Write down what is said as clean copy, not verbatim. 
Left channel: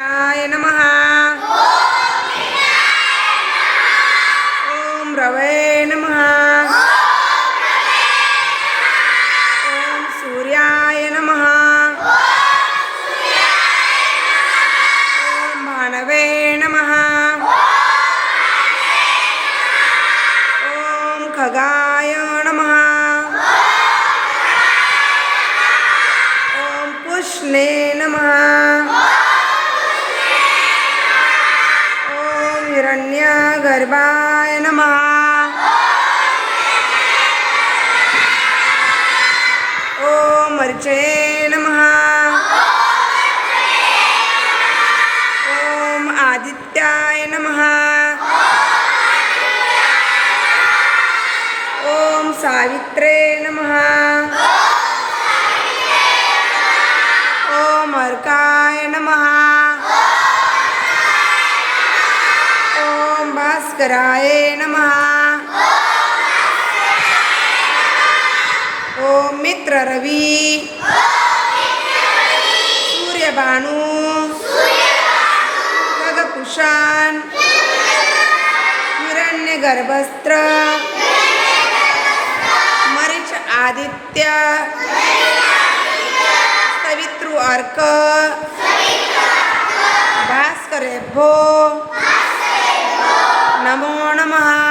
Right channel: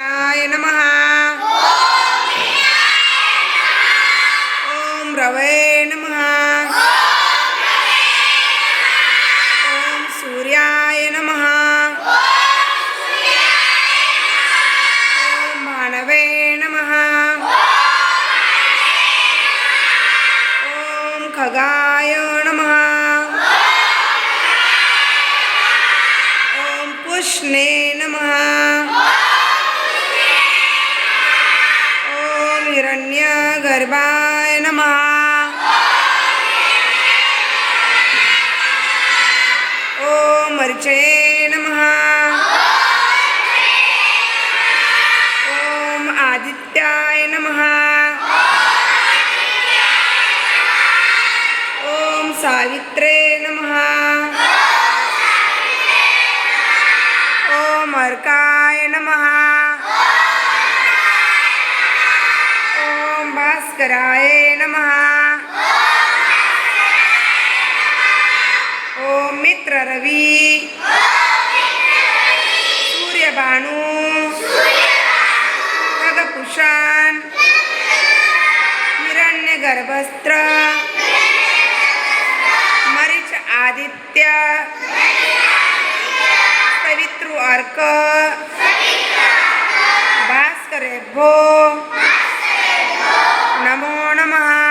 I नमः। ओम रवे नमः। ओम सूर्याय नमः। ओम भानवे नमः। ओम खगाय नमः। ओम पुष्णे नमः। हिरण्यगर्भाय नमः। ओम अर्चे नमः। ओम आदित्याय नमः। ओम सावित्रे नमः। ओम अर्काय नमः। भास्कराय नमः। ओम मित्र रवि। सूर्यभानु। खगपुषाण। हिरण्यगर्भस्त्र। मरीच आदित्य। सवितृ अर्क। भास्करेभ्यो नमो नमः।